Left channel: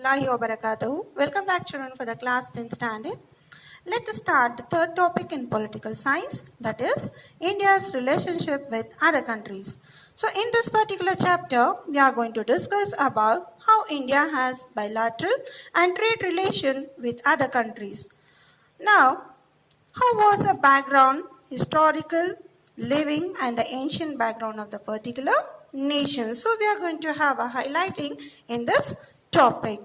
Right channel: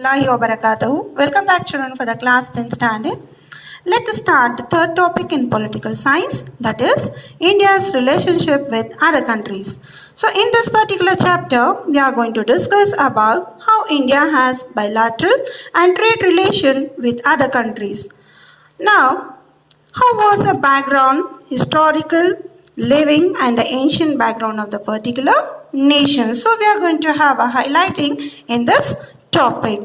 Warahmatullahi wabarakatuh. Welcome back, children, for the class 10th standard. Let us start the third topic in political science, that is India's relationship with other countries. So in this particular chapter, we are going to discuss about how India has bilateral and trade relation with other countries. Now, how was the background, historical, living and the ancient background of the particular nation? So we are going to have a highlighting in this topic.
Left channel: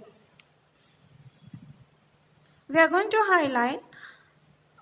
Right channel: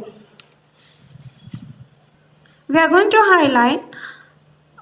We are going to highlight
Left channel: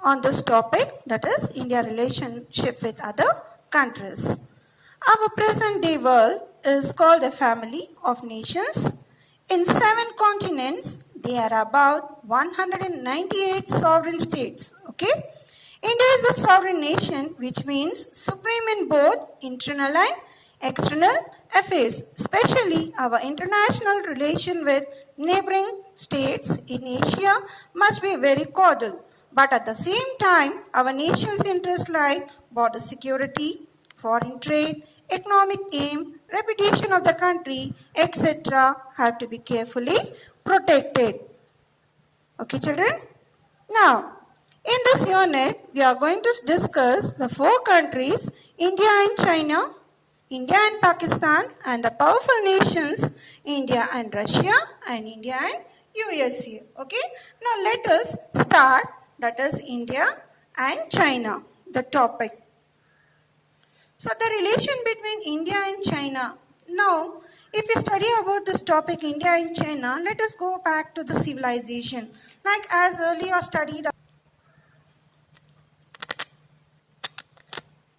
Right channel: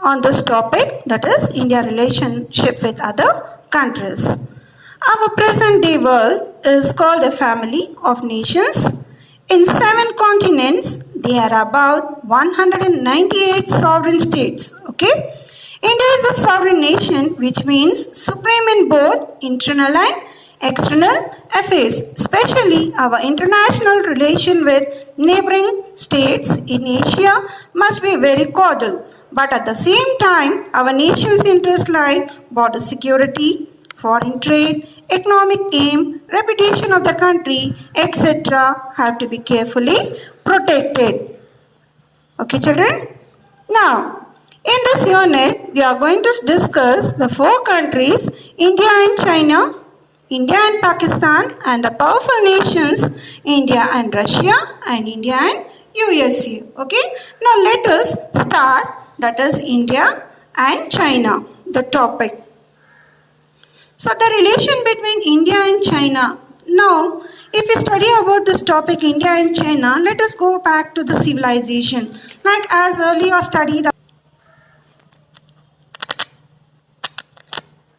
on this topic, that is India relationship with other countries. Our present day world is called a family of nations. In 7 continents, there are about 198 sovereign states. Okay? India is a sovereign nation, which means supreme in both internal and external affairs, especially our international relation with neighboring states in Asia must be very cordial. But at the same time, our nation's interests like border security, foreign trade, economic aim, reputation of the country, etc. have to be carefully protected. Okay, children? Now, in this unit, we are going to discuss the 4 countries, India and China, India and Pakistan, and the powerful nations, India and Russia, and India and USA. Okay? Now, let us start, that is India and China, the topic. So the relation between India and China. Now, if we study about this topic, India and China, let us go back to the civilization. Like as earlier studied.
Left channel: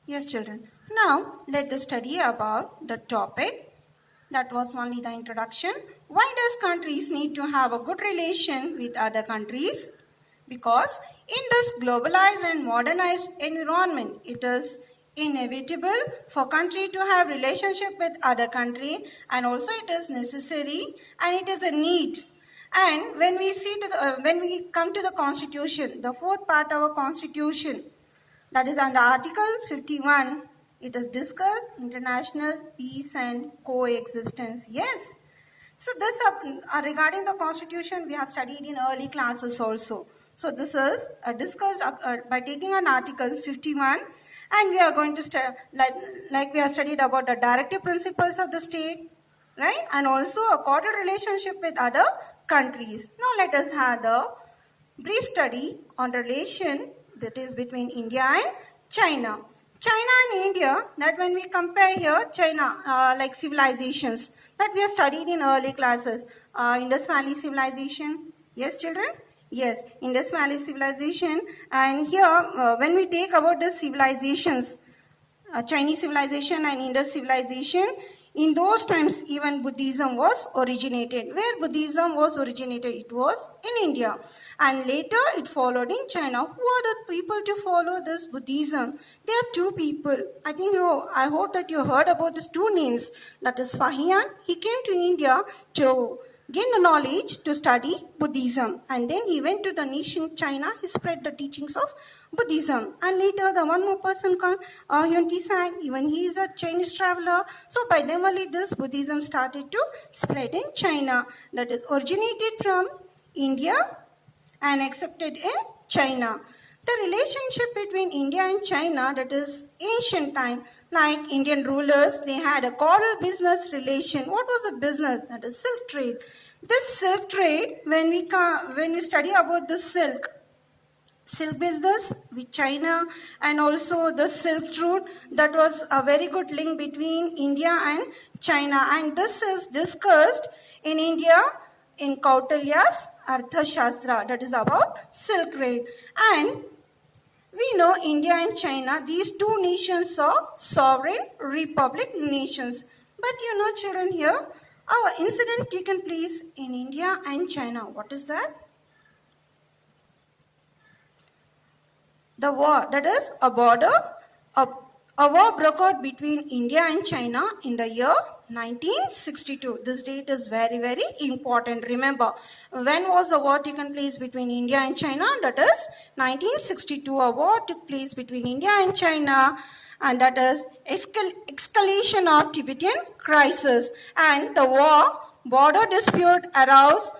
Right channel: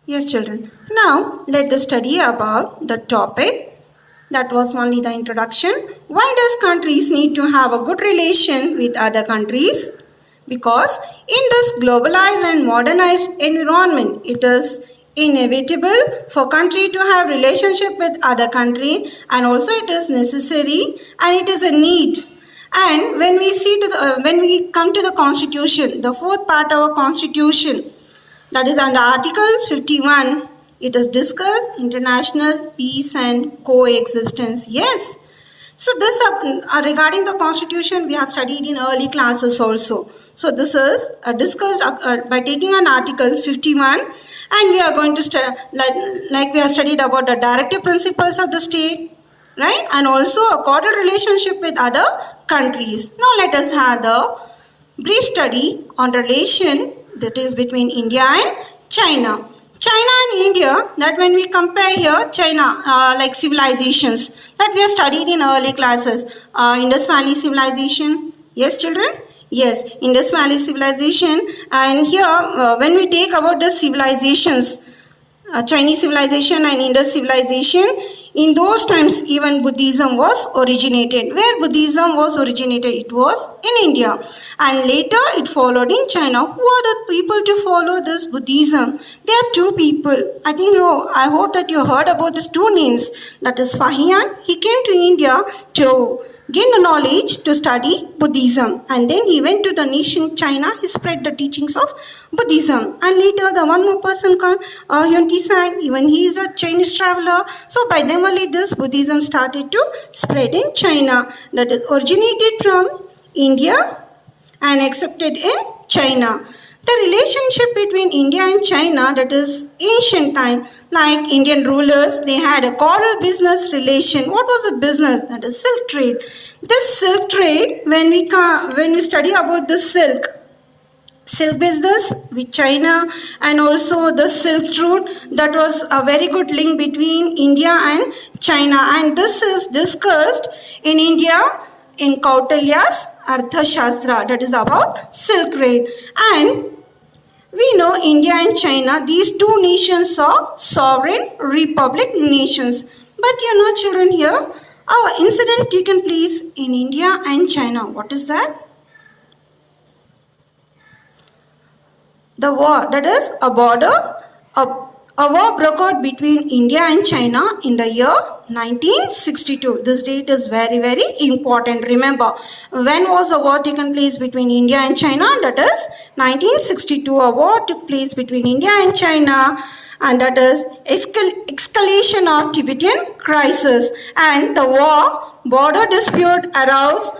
Yes, children. Now, let us study about the topic. That was only the introduction. Why does countries need to have a good relation with other countries? Because in this globalized and modernized environment, it is inevitable for country to have relationship with other country, and also it is necessary and it is a need. And when we see to when we come to the constitution, the 4th part of our constitution, that is under Article 51, it is discussed international peace and coexistence. Yes. So this regarding the constitution we have studied in early classes also. So this is discussed by taking an Article 51, and we are going to like we have studied about the directive principles of the state, right? And also a cordial relationship with other countries. Now let us have the brief study on relation that is between India and China. China and India, that when we compare here, China, like civilizations, that we have studied in early classes. Indus Valley civilization, yes children? Yes, Indus Valley civilization. And here, when we take about the civilizations, Chinese civilization and Indus civilization, in those times even Buddhism was originated. Where Buddhism was originated? It was in India. And later it followed in China. Who are the people to follow this Buddhism? There are 2 people. I hope that you heard about these 2 names. That is Fahian. He came to India to gain the knowledge to study Buddhism, and then he went to the nation China. He spread the teachings of Buddhism, and later the one more person called Yuan Tisang, even he is a Chinese traveler. So by them only this Buddhism started to spread in China, that is originated from India and accepted in China. The relationship between India and China, that is ancient time, like Indian rulers, they had a cordial business relation. What was the business? That is silk trade. This silk trade, when we study about the silk business with China, and also the Silk Route, that was a very good link between India and China. And this is discussed in India in Kautilya's Arthashastra, that is about silk trade. And we know India and China, these 2 nations are sovereign republic nations. But you know children, here our incident taken place in India and China. What is that? The war, that is a war broke out between India and China in the year 1962. This date is very, very important. Remember, when was a war taken place between India and China? That is 1962. A war took place between India and China, and that is escalation of Tibetan crisis. And the war border dispute aroused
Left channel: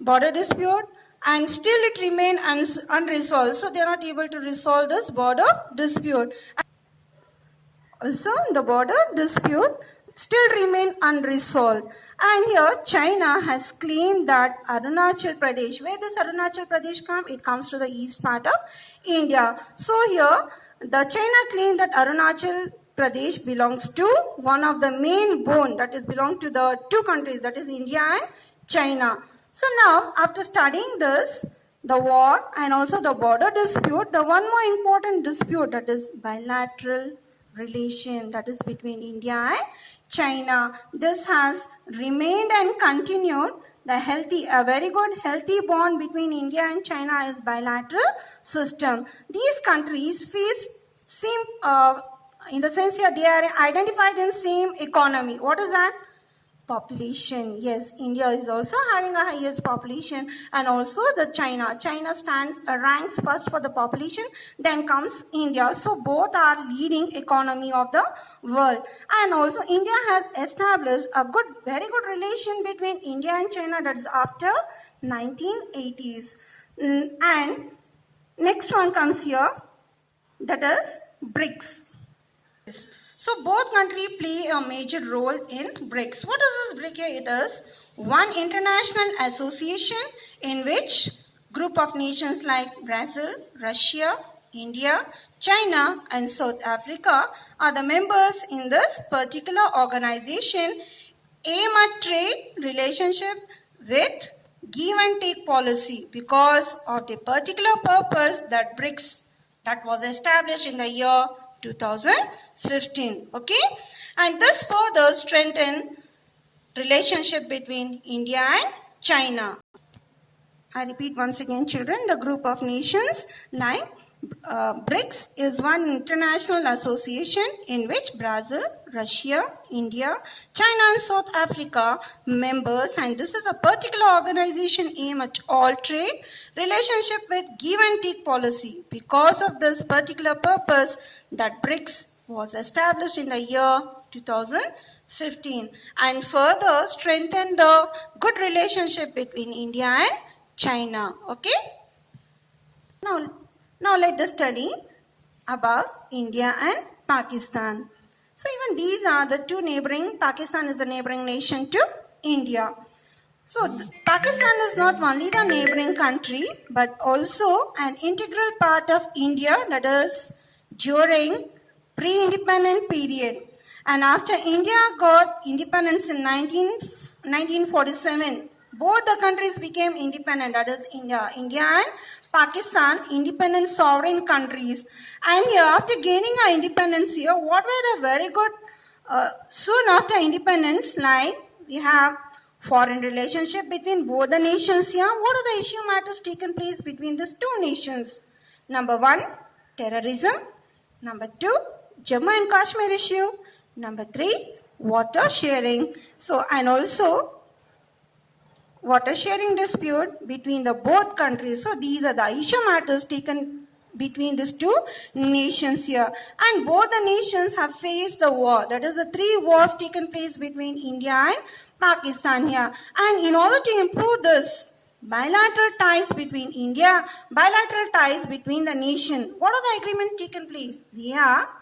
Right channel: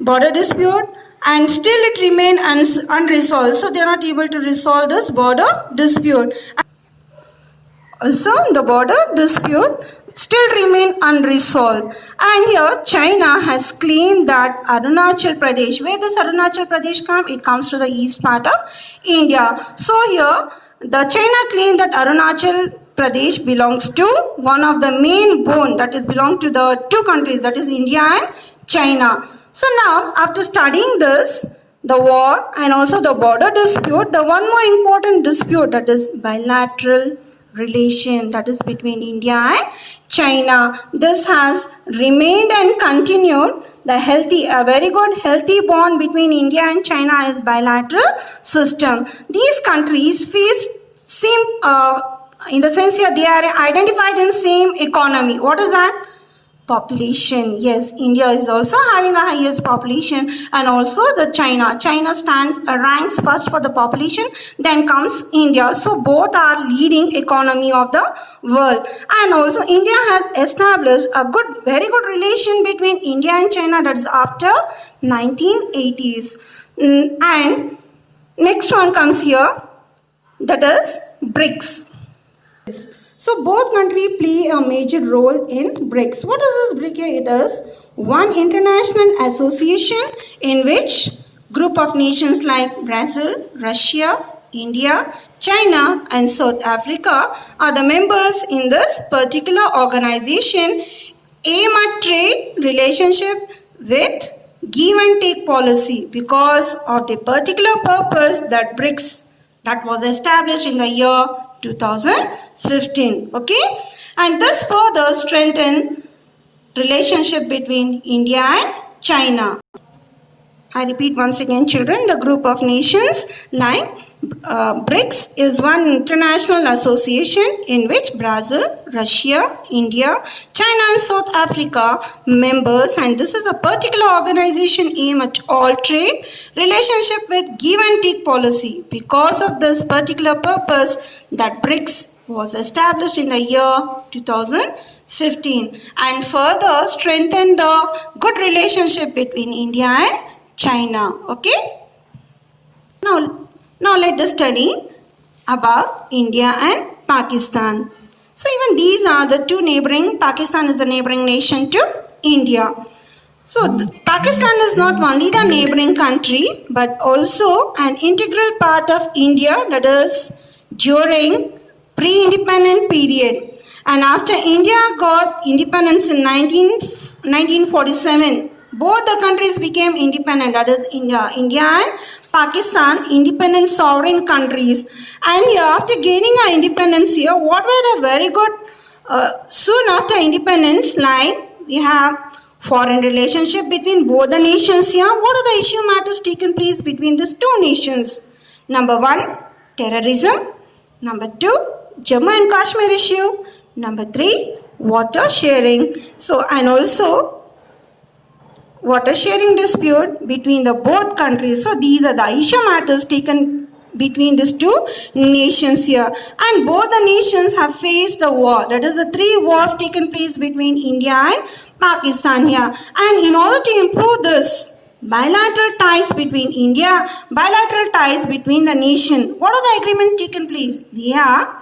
border dispute, and still it remained unresolved. So they are not able to resolve this border dispute. Also, the border dispute still remain unresolved. And here, China has claimed that Arunachal Pradesh, where does Arunachal Pradesh come? It comes to the east part of India. So here, the China claimed that Arunachal Pradesh belongs to one of the main bone, that is belong to the two countries, that is India and China. So now, after studying this, the war and also the border dispute, the one more important dispute, that is bilateral relation, that is between India and China. This has remained and continued. A very good healthy bond between India and China is bilateral system. These countries face same, in the sense here they are identified in same economy. What is that? Population. Yes, India is also having the highest population, and also the China. China ranks first for the population, then comes India. So both are leading economy of the world. And also India has established a very good relation between India and China, that is after 1980s. And next one comes here, that is BRICS. So both countries play a major role in BRICS. What is this BRICS? It is one international association in which group of nations like Brazil, Russia, India, China and South Africa are the members in this particular organization, aim at trade relationship with give and take policy because of the particular purpose that BRICS that was established in the year 2015. Okay, and this further strengthen relationship between India and China. I repeat once again, children, the group of nations like BRICS is one international association in which Brazil, Russia, India, China and South Africa members, and this is a particular organization aim at all trade relationship with give and take policy. Because of this particular purpose that BRICS was established in the year 2015 and further strengthen the good relationship between India and China. Okay? Now let us study about India and Pakistan. So even these are the two neighboring, Pakistan is the neighboring nation to India. So Pakistan is not only the neighboring country but also an integral part of India, that is during pre-independent period. And after India got independence in 1947, both the countries became independent, that is India and Pakistan, independent sovereign countries. And here, after gaining our independence here, what were the very good, soon after independence, like we have foreign relationship between both the nations here. What are the issue matters taken place between these two nations? Number 1, terrorism. Number 2, Jammu and Kashmir issue. Number 3, water sharing. So, and also water sharing dispute between the both countries. So these are the issue matters taken between these two nations here. And both the nations have faced the war. That is the 3 wars taken place between India and Pakistan here. And in order to improve this bilateral ties between India, bilateral ties between the nation, what are the agreements taken place? They are